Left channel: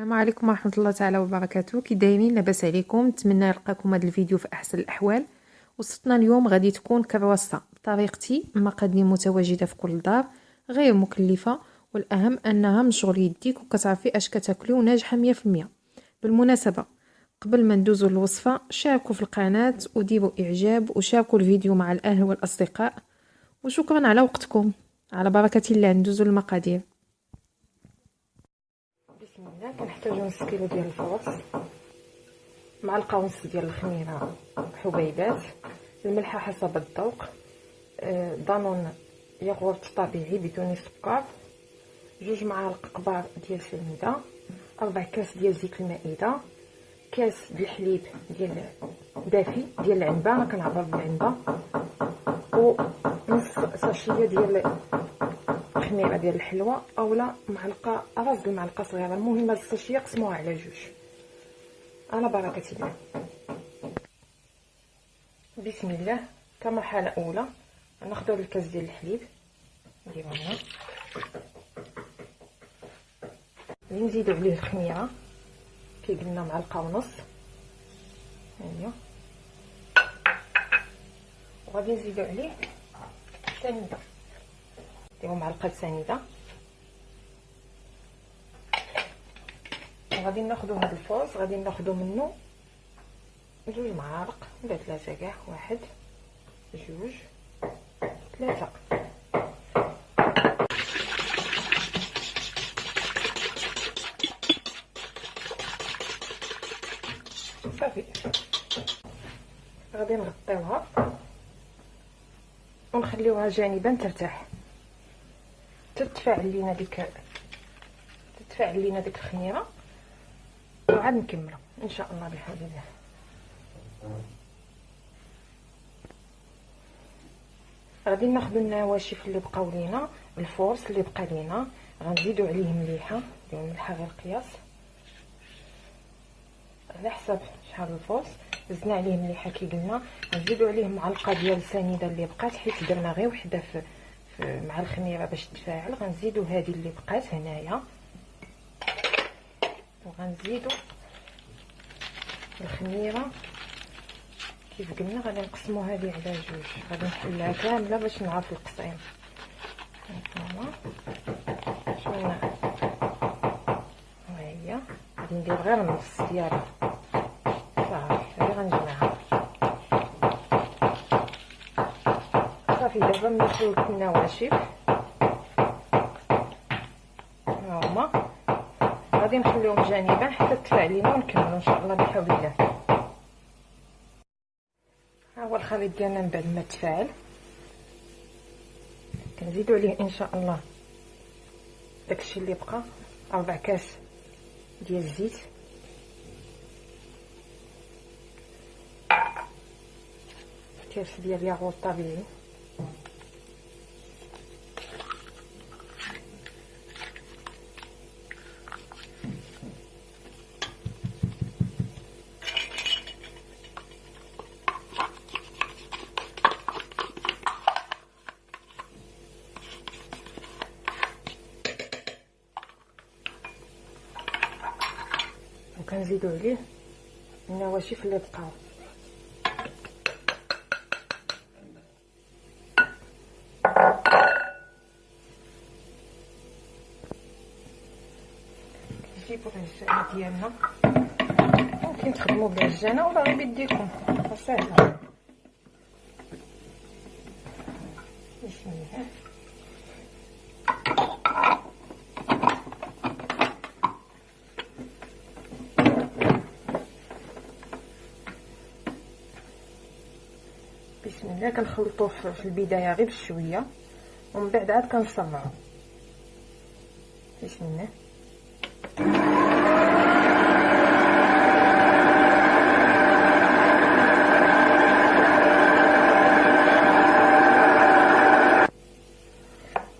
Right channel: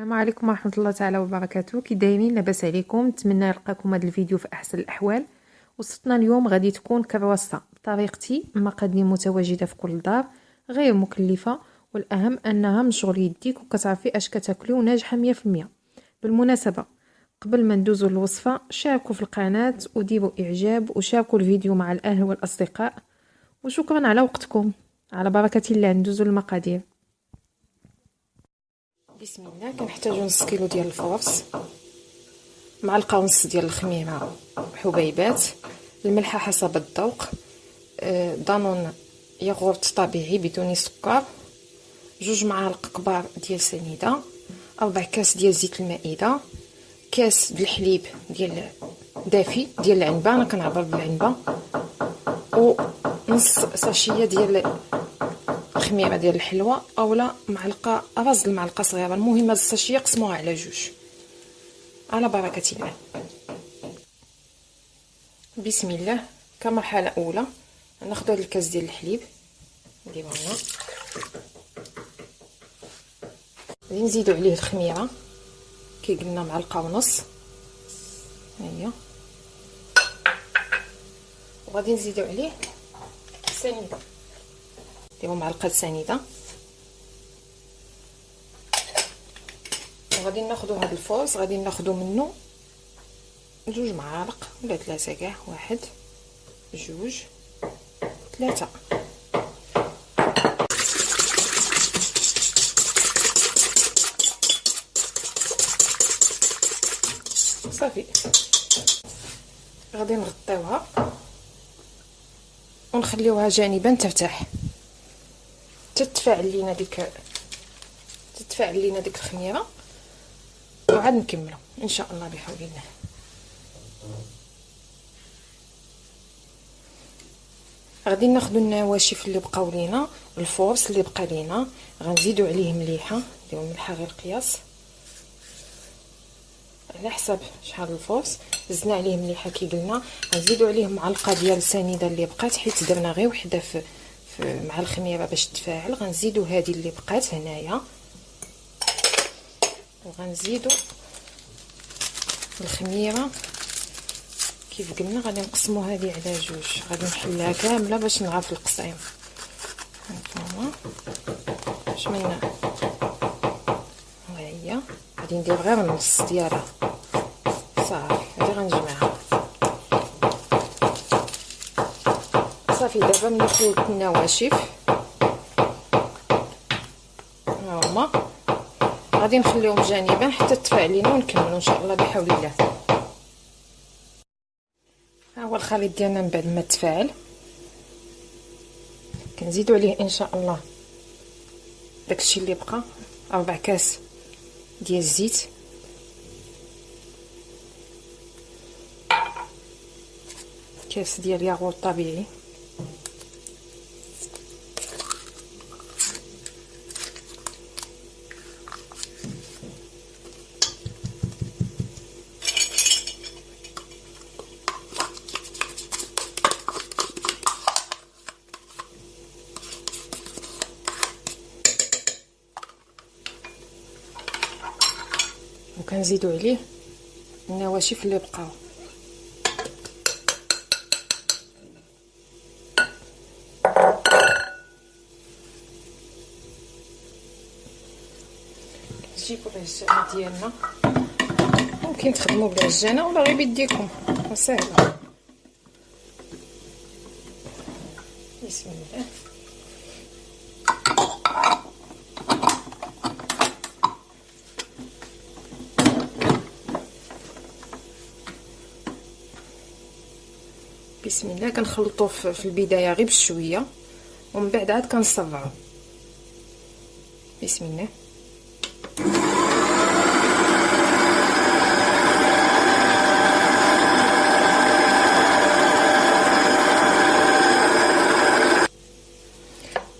السلام عليكم ورحمة الله تعالى وبركاته. كي دايرين؟ لاباس عليكم؟ نتمنى يلقاكم هذا الفيديو في احسن الاحوال. وصفتنا اليوم غادي تكون كرواسة بطريقتي، مقادير متواجده في كل دار، غير مكلفه، والاهم انها من شغل يديك وكتعرفي اش كتاكلي وناجحه 100%. بالمناسبه، قبل ما ندوزو للوصفه شاركوا في القناه وديروا اعجاب وشاركوا الفيديو مع الاهل والاصدقاء، وشكرا على وقتكم. على بركه الله ندوزو للمقادير. بسم الله. كنحتاجو نص كيلو ديال الفورص، معلقه ونص ديال الخميره حبيبات، الملحه حسب الذوق، دانون ياغورت طبيعي بدون سكر، 2 معالق كبار ديال سنيده، 4 كاس ديال زيت المائده، كاس ديال الحليب ديال دافي ديال العنبه، انا كنعبر بالعنبه، ونص ساشيه ديال الخميره ديال الحلوه، اولا معلقه راس المعلقه صغيره. المهم هاد الساشيه قسموها على 2. على بركه الله. بسم الله. كمرحله اولى ناخذ هذا الكاس ديال الحليب نديرو هنا، غادي نزيدو عليه الخميره كي قلنا معلقه ونص، ها هي، وغادي نزيدو عليه السنيده، نديرو معلقه سنيده، وغادي ناخذوا هذا الفورص، غادي ناخذوا منه 2 معالق ولا 3 كاع، 1 2 3. صافي، غادي نغطيوها ونخليوها جانبا ترتاح تتفاعل لينا ديك الخميره، وعاد نكملوا ان شاء الله بحول الله. غادي ناخذوا النواشف اللي بقاو لينا، الفورص اللي بقى لينا، غنزيدوا عليه مليحه، نديروا ملحه غير قياس على حسب شحال الفورص. زدنا عليه مليحه كي قلنا، غنزيدوا عليه معلقه ديال السنيده اللي بقات، حيت درنا غير وحده في مع الخميره باش تفاعل. غنزيدوا هذه اللي بقات هنايا، وغنزيدوا الخميره كيف قلنا. غادي نقسموا هذه على 2، غادي نحلها كامله باش نعرف القصيم. هانتوما باش ما هي، غادي ندير غير النص ديالها صافي. هادي غنجمعها صافي. دابا ملي خليت النواشف هاهما، غادي نخليهم جانبا حتى تفاعل لينا ونكملوا ان شاء الله بحول الله. ها هو الخليط ديالنا من بعد ما تفاعل. كنزيدوا عليه ان شاء الله داكشي اللي بقى، 4 كاس ديال الزيت، كاس ديال ياغورت طبيعي، وكنزيدوا عليه النواشف اللي بقاو. نجيبوا العجانه ديالنا، ممكن تخدموا بالعجانه ولا غير بيديكم، ساهله. بسم الله. بسم الله. كنخلطوه في البدايه غير بشويه، ومن بعد عاد كنصبعو. بسم الله.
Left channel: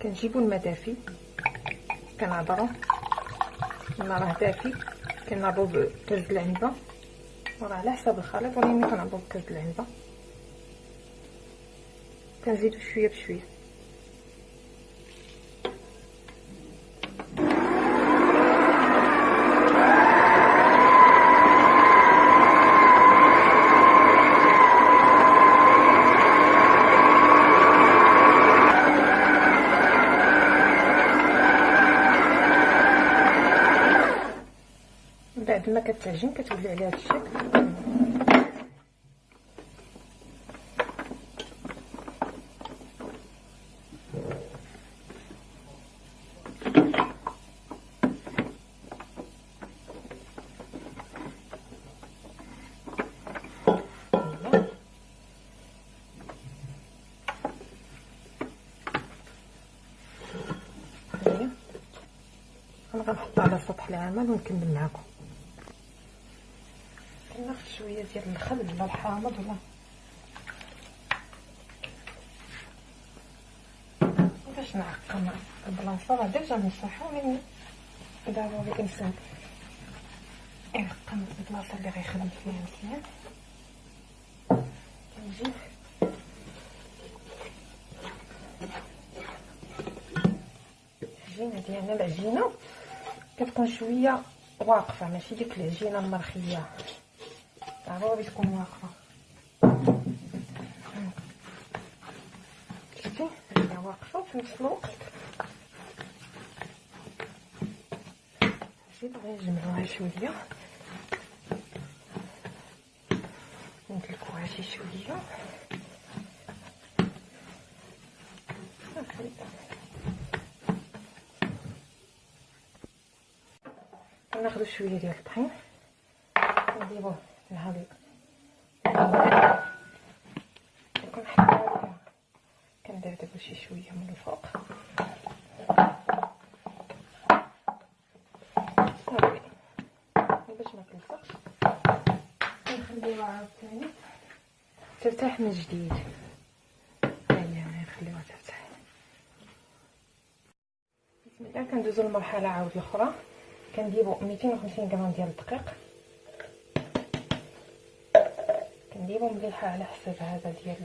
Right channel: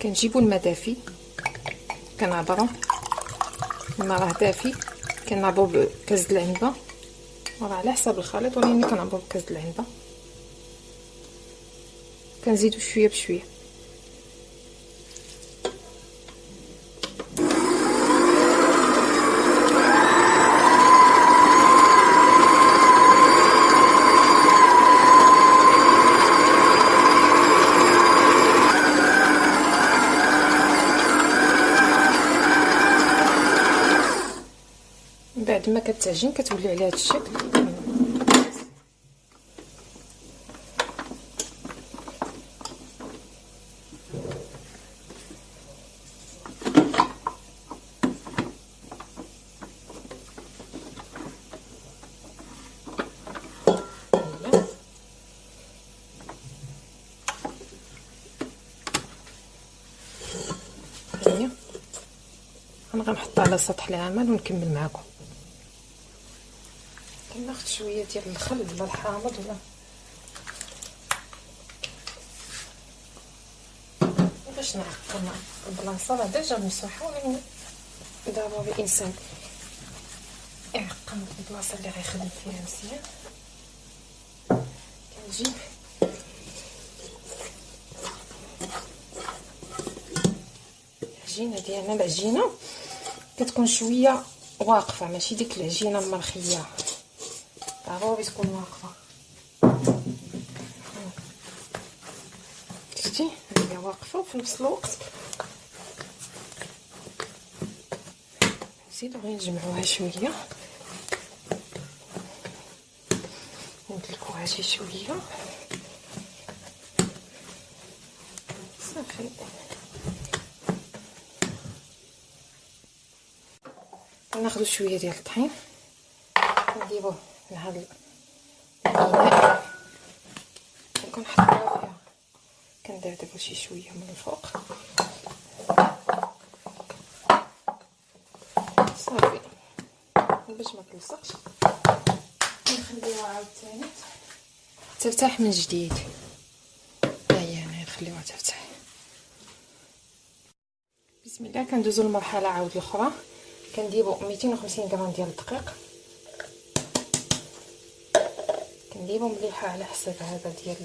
كنجيبوا الماء دافي، كنعبروه، الماء راه دافي، كنعبرو بكاس العنبه، وراه على حسب الخليط، ولكن كنعبرو بكاس العنبه. كنزيدو شويه بشويه. بعد ما كتعجن كتولي على هذا الشكل. انا غنحطها على سطح العمل ونكمل معكم. كناخذ شويه ديال الخل ولا الحامض ولا باش نعقم البلاصه. راه ديجا مسحه من ضروري الانسان يعقم البلاصه اللي غيخدم فيها مزيان. كنجيب العجينه ديالنا. العجينه كتكون شويه واقفه، ماشي ديك العجينه المرخيه، ضروري تكون واقفه. شفتي هي واقفه وفي نفس الوقت نزيدو غير نجمعوها شويه ندلكوها شي شويه صافي. ناخذ شويه ديال الطحين نديروه لهاد الاناء وكنحطوه، كندردبو شي شويه من الفوق صافي باش ما تلصقش. نخليوها عاوتاني ترتاح من جديد. ها هي انا نخليوها ترتاح. بسم الله. كندوزو للمرحله عاود الاخرى. كنديرو 250 غرام ديال الدقيق، كنديرو مليحه على حسب هذا ديال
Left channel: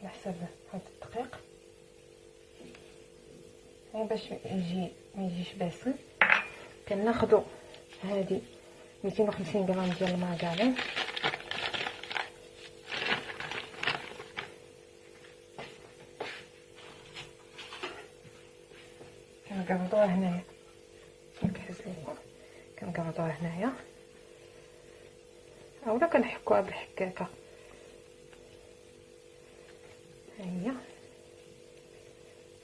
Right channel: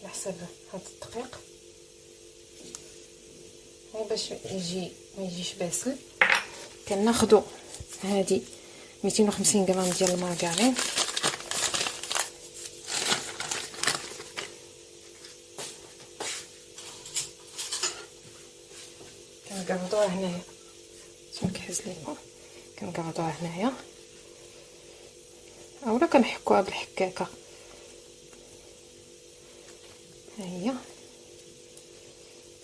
على حسب هذا الدقيق باش ما يجيش باسل. كناخذوا هذه 250 غرام ديال المارغرين، كنقرضوها هنايا كنكهز لكم، كنقرضوها هنايا اولا كنحكوها بالحكاكه. ها هي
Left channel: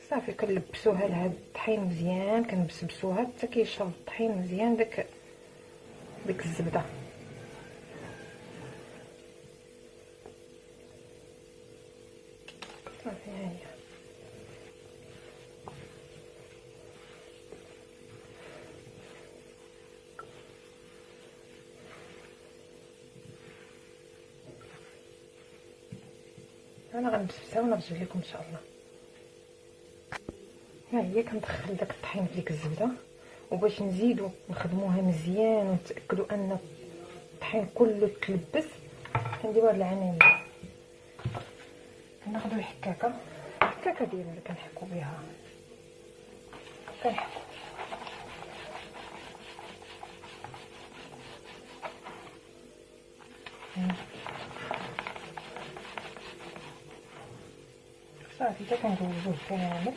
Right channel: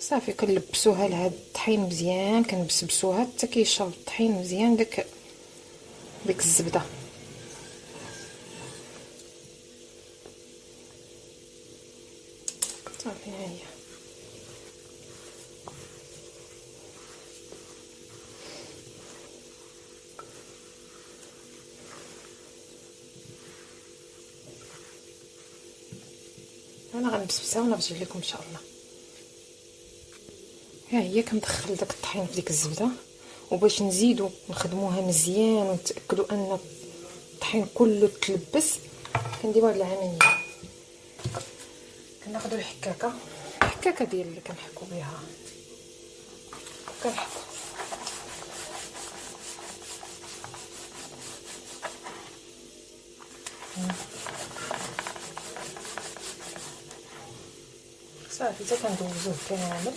صافي. كنلبسوها لهاد الطحين مزيان، كنبسبسوها حتى كيشرب الطحين مزيان ديك الزبده. صافي ها هي. انا غنبسبسها ونرجع لكم ان شاء الله. ها هي كندخل داك الطحين في ديك الزبده، وباش نزيدو نخدموها مزيان ونتاكدوا ان الطحين كله تلبس كنديروا هاد العمليه. كناخذوا الحكاكه ديال اللي كنحكوا بها، كنحكوا صافي حتى كندوزوه كامل،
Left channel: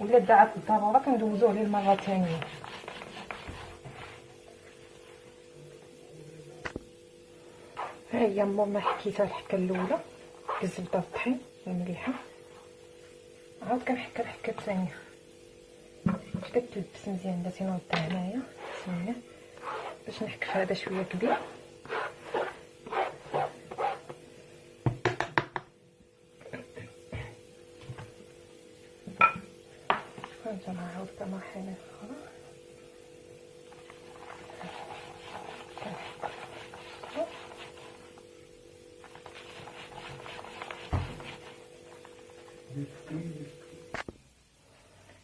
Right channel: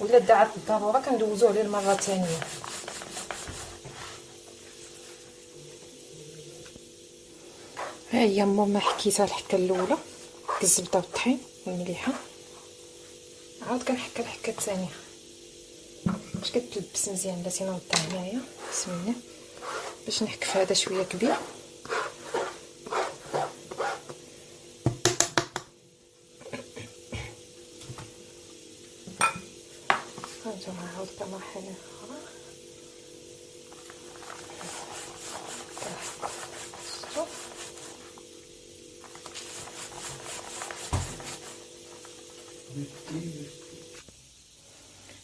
ولا دعت الضروره كندوزوه للمره ثانيه. ها هي ماما حكيتها الحكه الاولى الزبده والطحين مليحه، عاود كنحكي الحكه الثانيه باش كتلبس مزيان. بلاتي نوضع هنايا بسم الله باش نحكف هذا شويه كبير. نعاود كمرحله اخرى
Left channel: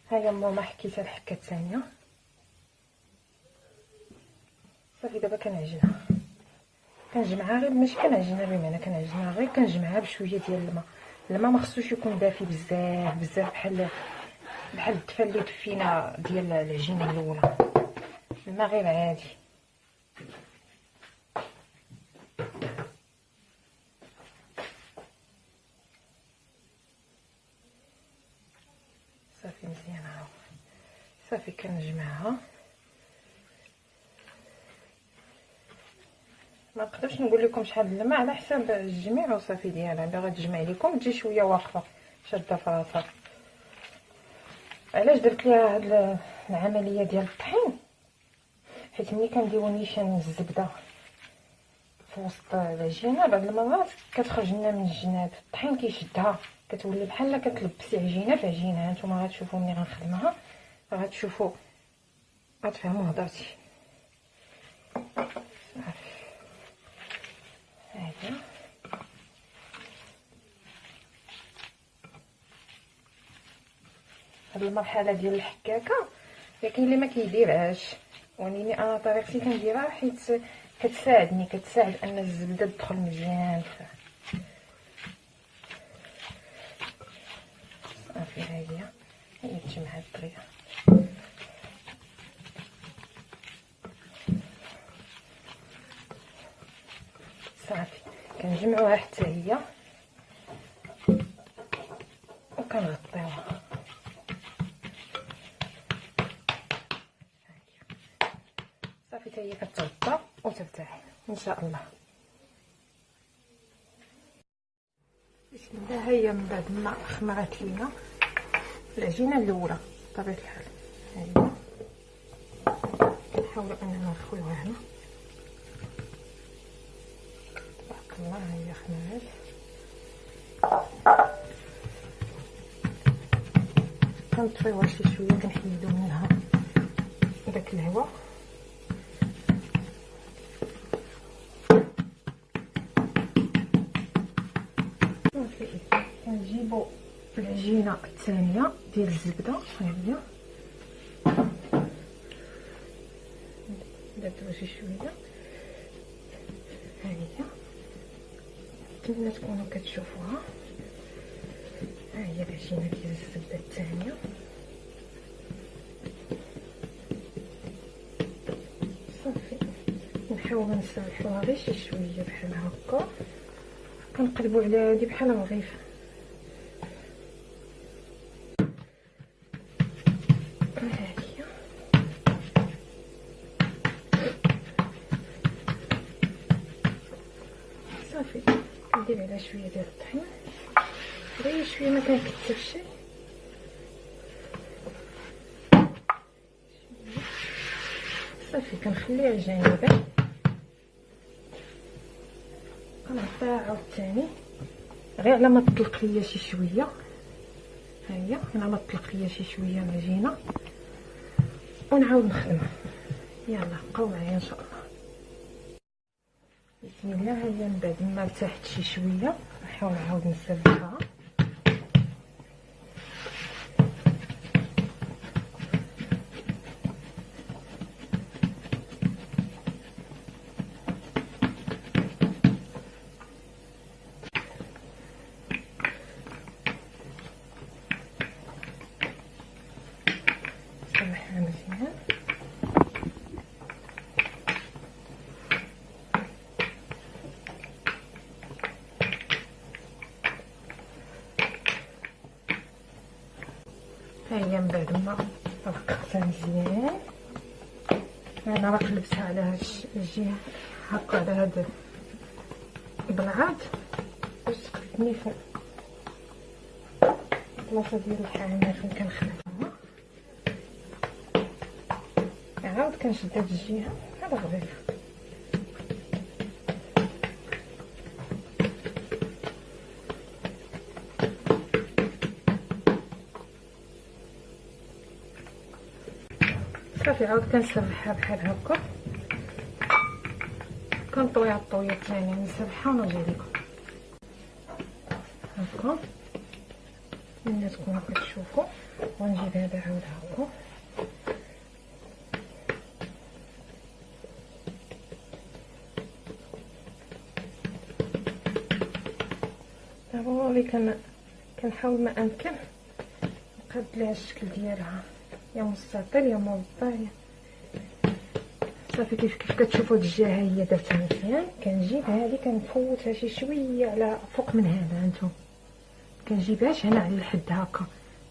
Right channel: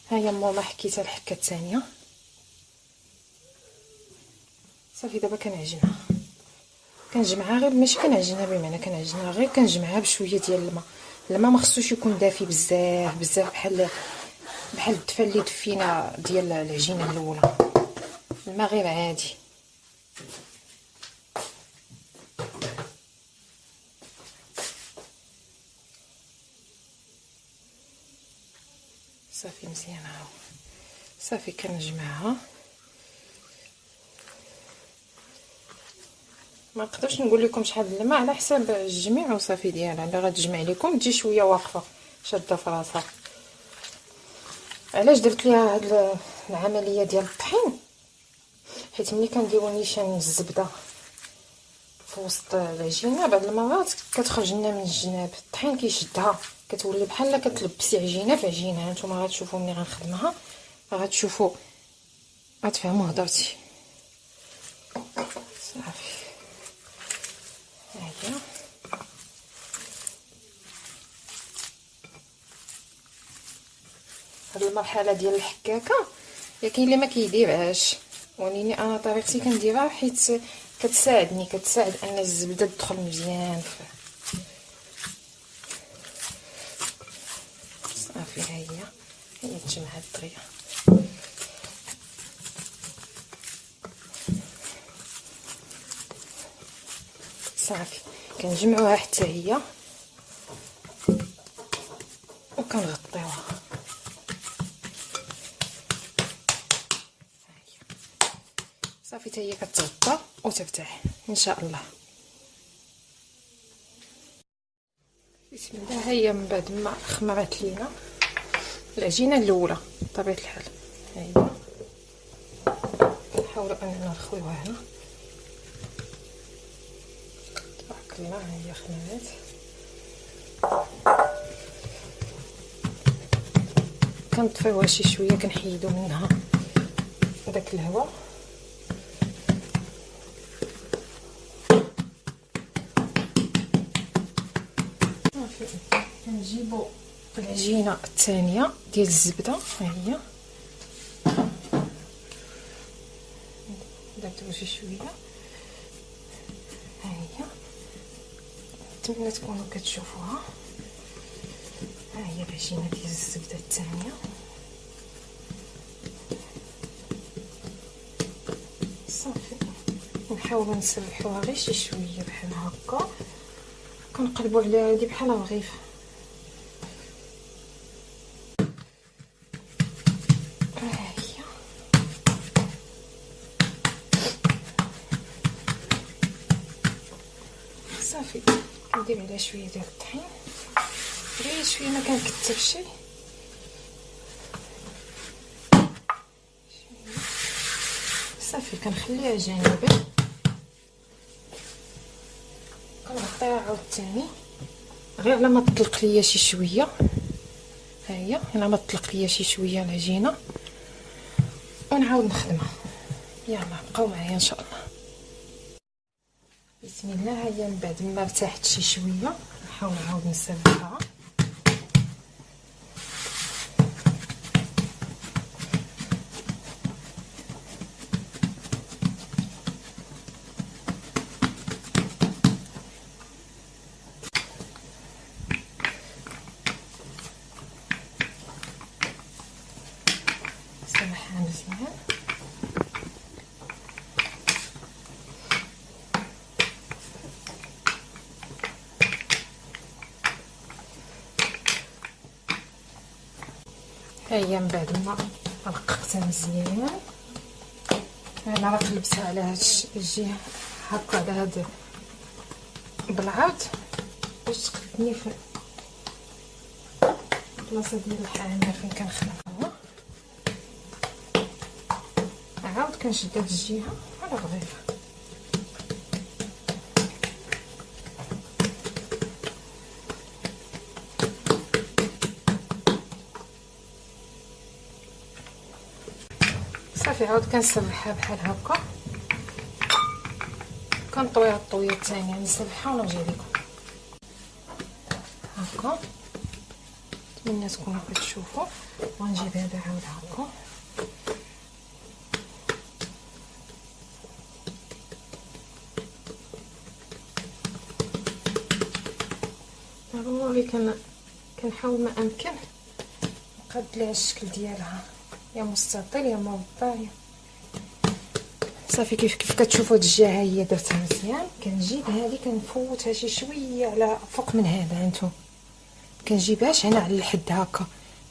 هيا ماما حكيتها الحكه الثانيه. صافي دابا كنجمعها غير ماشي كنعجنها بمعنى كنعجنها غير كنجمعها بشويه ديال الماء ما خصوش يكون دافي بزاف بحال الدفا اللي دفينا ديال العجينه الاولى. الماء غير عادي. صافي مزيان هاو صافي كنجمعها ما نقدرش نقول لكم شحال الماء على حساب الجميع وصافي ديالها. اللي غتجمع لكم تجي شويه واقفه شاده في راسها. علاش درت ليها هاد العمليه ديال الطحين؟ حيت ملي كنديرو نيشان الزبده في وسط العجينه بعض المرات كتخرج لنا من الجناب، الطحين كيشدها كتولي بحال كتلبسي عجينه في عجينه. هانتوما غتشوفوا ملي غنخدمها غتشوفوا غتفهموا هضرتي. صافي هاهي هاد المرحله ديال الحكاكه يا كاين اللي ما كيديرهاش، ولكن انا طريقتي كنديرها حيت كتساعد ان الزبده تدخل مزيان. صافي هي تجمعات دغيا. صافي كنجمعوها حتى هي وكنغطيوها. صافي حتى هي كتغطى وترتاح ان شاء الله. بسم الله. هي من بعد ما خمرات لينا العجينه الاولى بطبيعه الحال، ها هي كنحاولوا اننا نخويوها هنا. تبارك الله ها هي خمرات. كنطفيوها شي شويه، كنحيدو منها داك الهواء. صافي كنجيبو العجينه الثانيه ديال الزبده، ها هي درتو شي شويه. ها هي نتمنى تكونوا كتشوفوها. ها هي العجينه ديال الزبده الثانيه. صافي نحاولوا نسرحوها غير شي شويه بحال هكا، كنقلبوا على هادي بحال رغيف. ها هي صافي كندير عليها شويه ديال الطحين، غير شويه ما كنكثرش. صافي كنخليها جانبا، كنغطيها عاوتاني غير على ما تطلق ليا شي شويه. ها هي على ما تطلق ليا شي شويه العجينه ونعاود نخدمها. يلا بقاو معايا ان شاء الله. بسم الله. هي من بعد ما ارتاحت شي شويه نحاول نعاود نسرحها. نسرحها مزيان. ها هي من بعد ما رققتها مزيان، انا راه قلبتها على هاد الجهه هكا على هاد بالعرض باش تقدني في البلاصه ديال الحامه فين كنخدمها. عاود كنشد هاد الجهه بحال الرغيف. صافي عاود كنسرحها بحال هكا، كنطويها الطويه الثانيه، نسرحها ونرجع لكم هكا. نتمنى تكونوا كتشوفوا. ونجيب هذا عاود هكا. ضروري كنحاول ما امكن نقاد ليها الشكل ديالها، يا مستطيل يا مربع. صافي كيف كتشوفوا هاد الجهه هي درتها مزيان. كنجيب هذه كنفوتها شي شويه على فوق من هذا. هانتوما كنجيبهاش هنا على الحد هكا،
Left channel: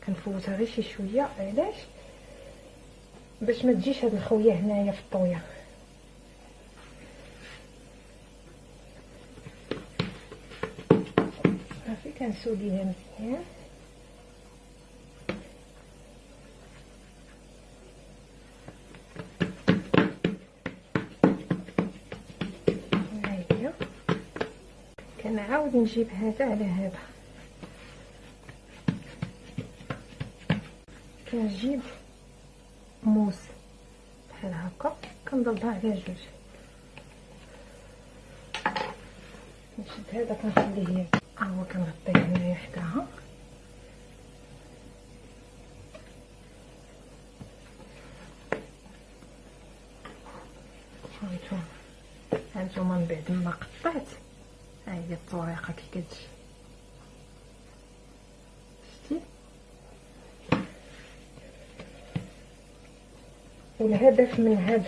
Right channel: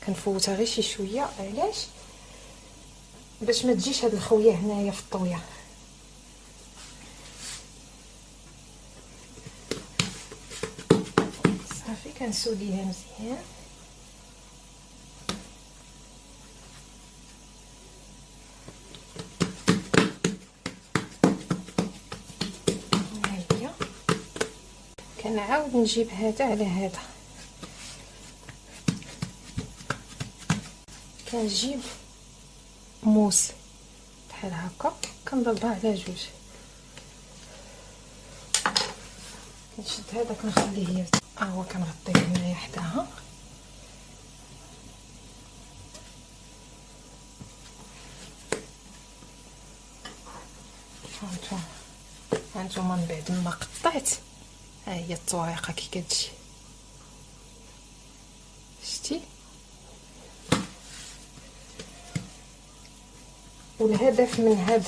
كنفوتها غير شي شويه. علاش؟ باش ما تجيش هاد الخويه هنايا في الطويه. كنسوليها مزيان. هاهي كنعاود نجيب هذا على هذا، كنجيب موس بحال هكا كنضربها على جوج، كنشد هذا كنخليه ها هو كنغطيه هنايا حداها. هانتوما من بعد ما قطعت ها هي الطريقه كي كتجي، شتي. والهدف من هاد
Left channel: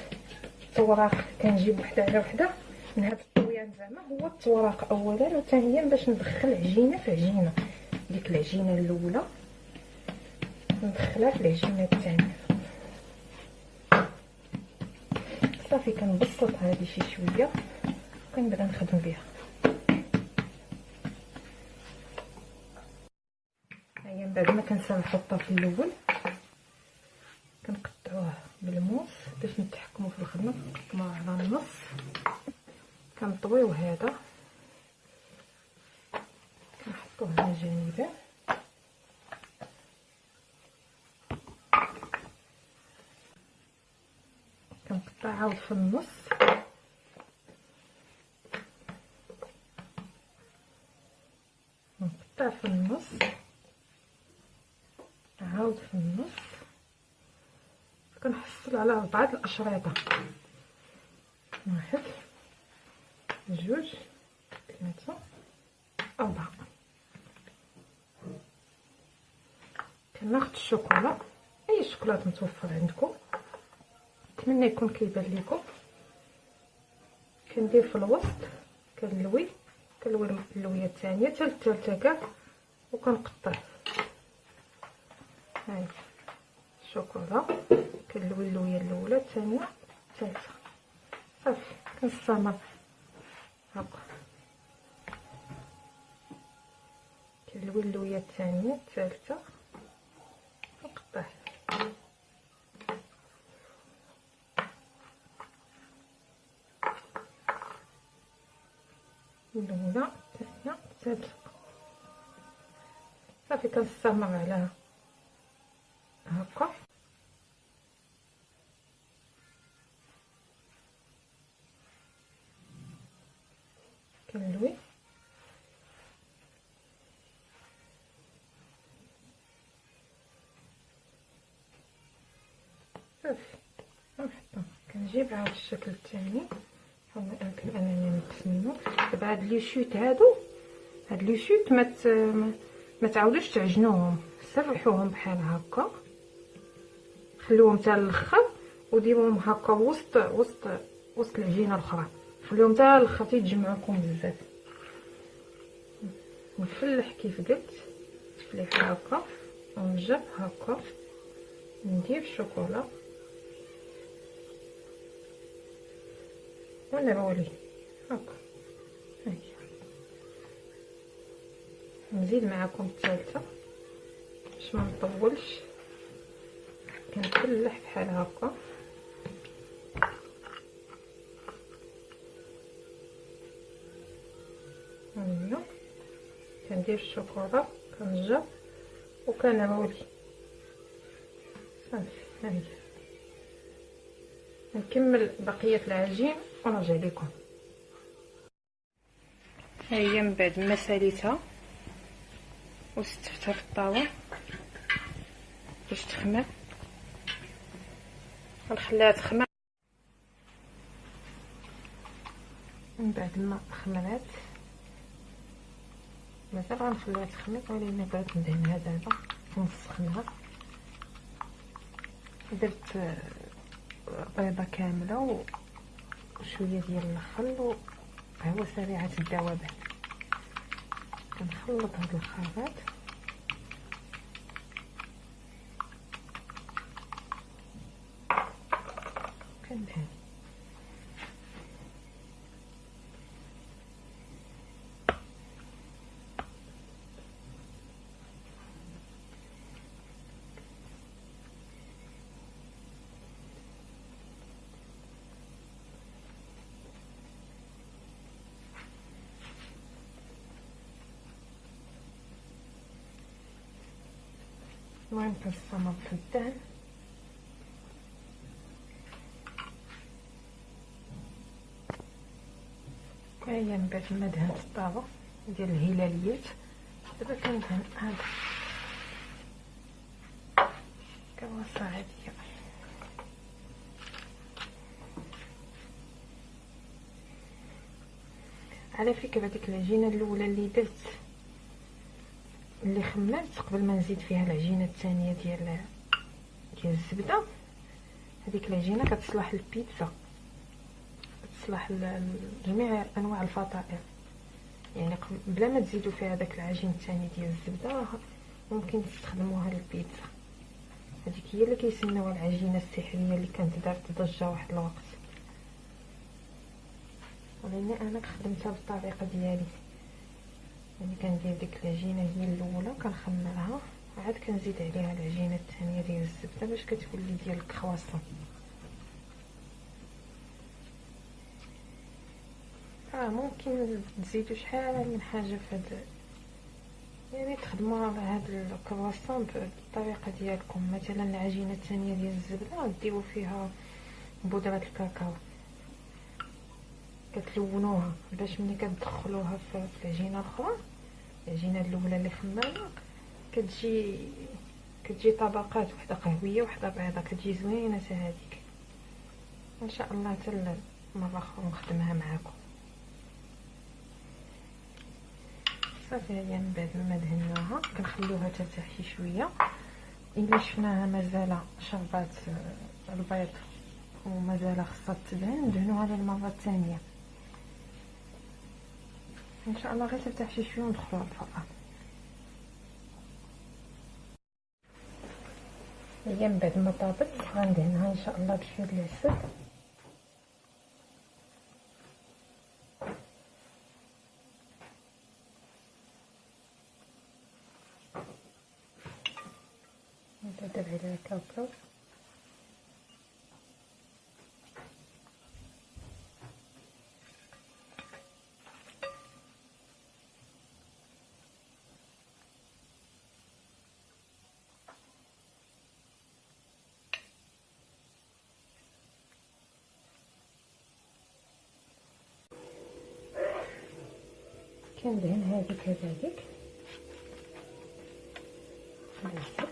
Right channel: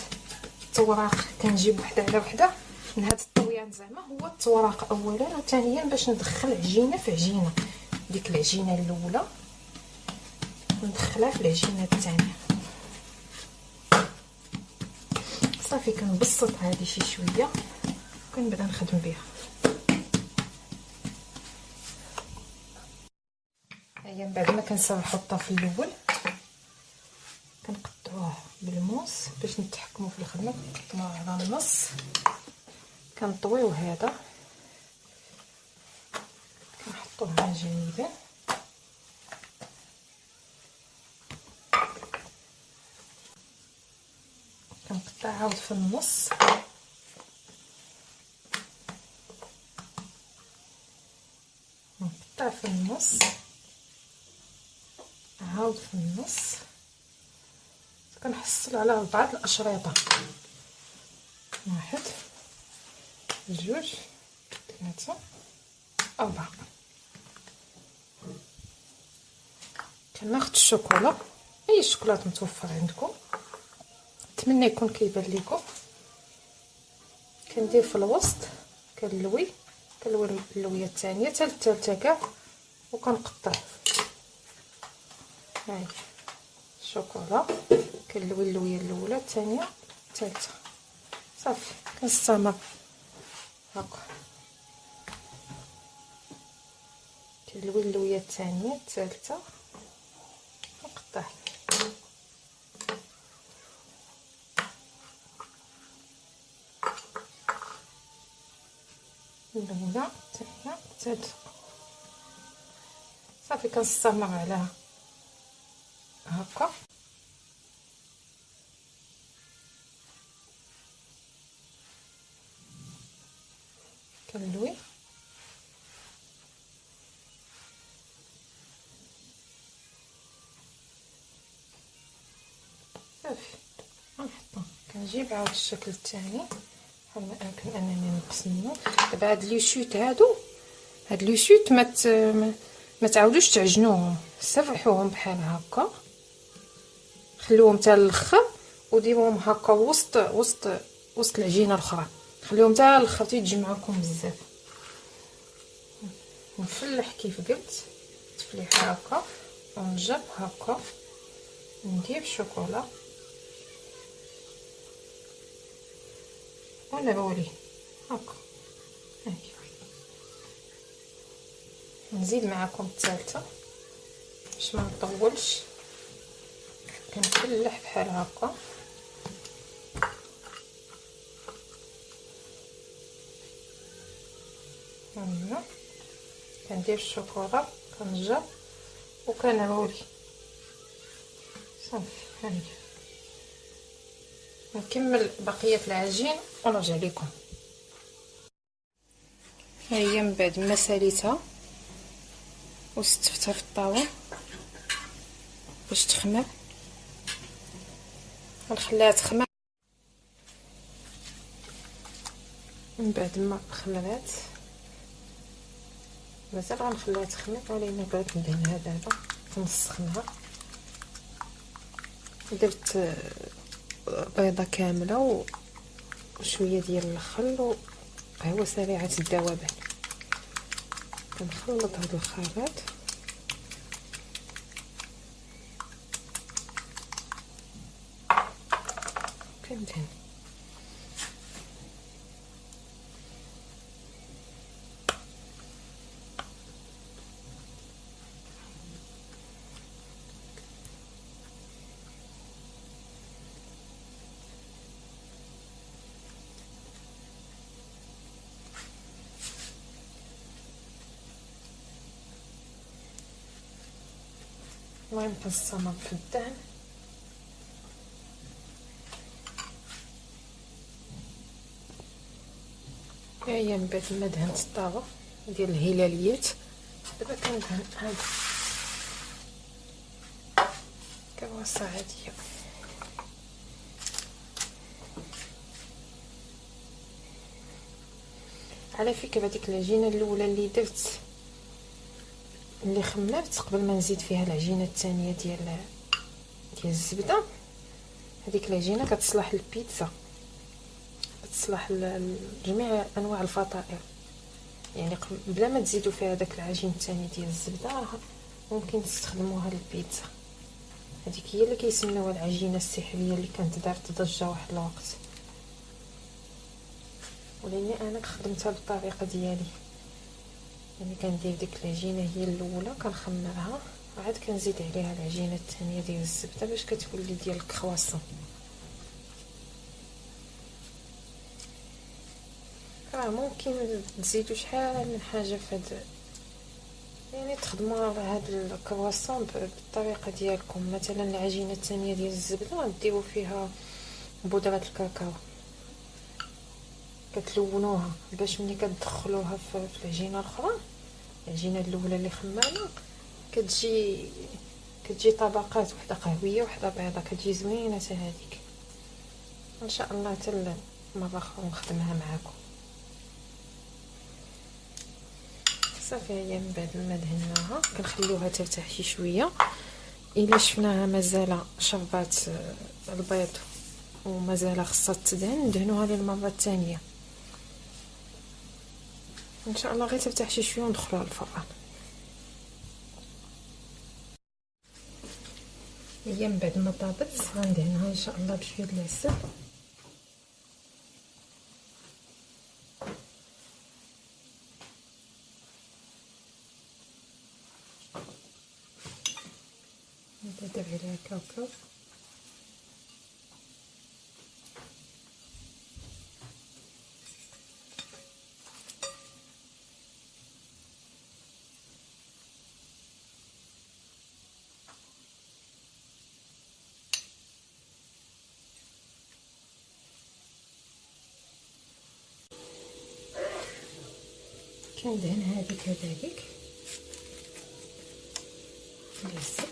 التوراق كنجيب وحده على وحده من هاد الطويان زعما هو التوراق اولا، وثانيا باش ندخل عجينه في عجينه. ديك العجينه الاولى ندخلها في العجينه الثانيه. صافي كنبسط هذه شي شويه وكنبدا نخدم بها. هيا من بعد ما كنسرحوا الطرف الاول كنقطعوه بالموس باش نتحكموا في الخدمه. كنقطعوه على النص، كنطويو هذا كنحطوه على جانبين، كنقطع عاود في النص، نقطع في النص عاود في النص، كنحصل على 4 الاشرطه، 1 2 3 4. كناخذ الشوكولا، اي شوكولاط متوفر عندكم، نتمنى يكون كيبان لكم. كندير في الوسط، كنلوي اللويه الثانيه حتى الثالثه كاع، وكنقطع. هاهي الشوكولا، كنلوي اللويه الاولى الثانيه الثالثه، صافي كنستمر هكا. كنلوي اللويه الثانيه الثالثه نقطع. الاولى الثانيه الثالثه، صافي كنستمر على هكا. كنلوي صافي غنحطها. كنجيب عاود الشكل الثاني بحال ما يمكن انني نقص منه. دابا هاد لي شوت هاد لي شوت ما تعاودوش تعجنوهم، سفحوهم بحال هكا، خليوهم حتى الاخر وديروهم هكا وسط العجينه الاخرى، خليهم حتى الاخر تيجي معكم بزاف. نفلح كيف قلت تفليحه هكا، ونجر هكا، ندير الشوكولا ونعولي هكا. نزيد معكم الثالثه باش ما نطولش، كنفلح بحال هكا. هنا كندير الشوكولا كنجر وكنعولي صافي. هاهي نكمل بقيه العجين ونرجع لكم. ها هي من بعد ما ساليتها وستفتها في الطاوه باش تخمر، غنخليها تخمر. من بعد ما خمرات مازال غنخليها تخمر، ولكن بغيت ندهنها دابا نسخنها. درت بيضه كامله وشويه ديال الخل وقهوه سريعه الذوبان. كنخلط هاد الخليط كندهن. المهم كنستمر في الدهن. ها هي من بعد ما دهنت الطاوه ديال الهلاليات، دابا كندهن هاد كرواسه عاديه. على فكره ديك العجينه الاولى اللي درت اللي خمرت قبل ما نزيد فيها العجينه الثانيه ديال الزبده، هذيك العجينه كتصلح للبيتزا، كتصلح لجميع انواع الفطائر. يعني بلا ما تزيدوا فيها داك العجين الثاني ديال الزبده ممكن تستخدموها للبيتزا. هذيك هي اللي كيسميوها العجينه السحريه اللي كانت دارت ضجه واحد الوقت، ولاني انا خدمتها بالطريقه ديالي. يعني كندير ديك العجينه هي الاولى كنخمرها، وعاد كنزيد عليها العجينه الثانيه ديال الزبده باش كتولي ديال الكرواسون. ممكن تزيدوا شحال من حاجه في هاد، يعني تخدموا على هاد الكرواسون بالطريقه ديالكم. مثلا العجينه الثانيه ديال الزبده ديروا فيها بودره الكاكاو، كتلونوها باش ملي كتدخلوها في العجينه الاخرى، العجينه الاولى اللي خمرنا كتجي طبقات، وحده قهويه وحده بيضه، كتجي زوينه حتى هذيك. ان شاء الله حتى مره اخرى نخدمها معكم. صافي هي من بعد ما دهناها كنخليوها ترتاح شي شويه. الا شفناها مازال شربات البيض ومازال خصها تدهن، ندهنوها للمره الثانيه ان شاء الله. غير ترتاح شي شويه وندخلوها للفران. هي من بعد ما طابت غندهنها ان شاء الله بشويه ديال العسل. ندير عليها كاكاو. كندهن هذيك كذلك بالعسل.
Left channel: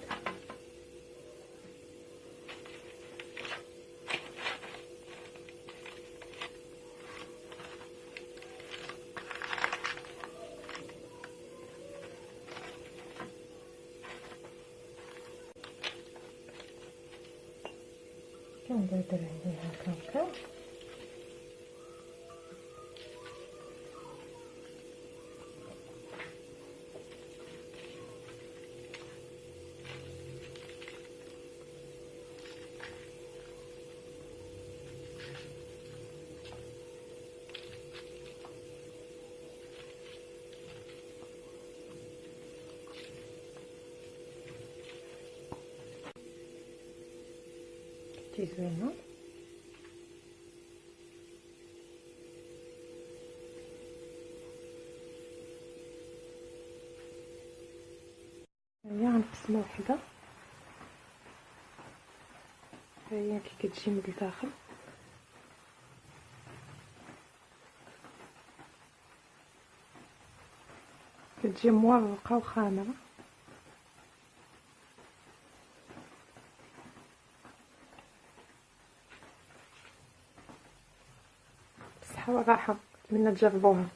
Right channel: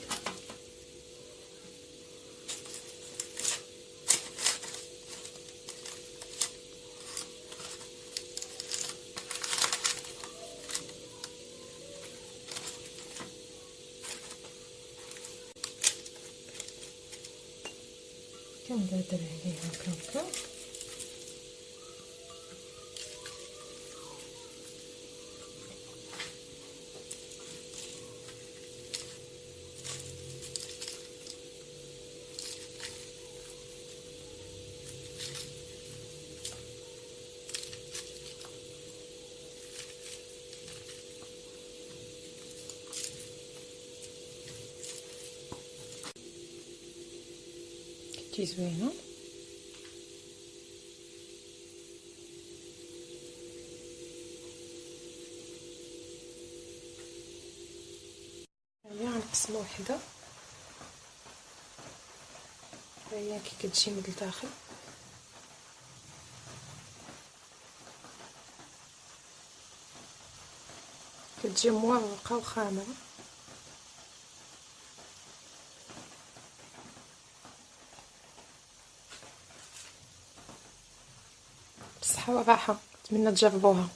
كندير عليها الكاكاو. كتجي زوينه. هي غنقسم وحده، هي كي كتجي من الداخل كتجي مورقه وخامره. بالصحه والراحه، نتمنى تجربوها.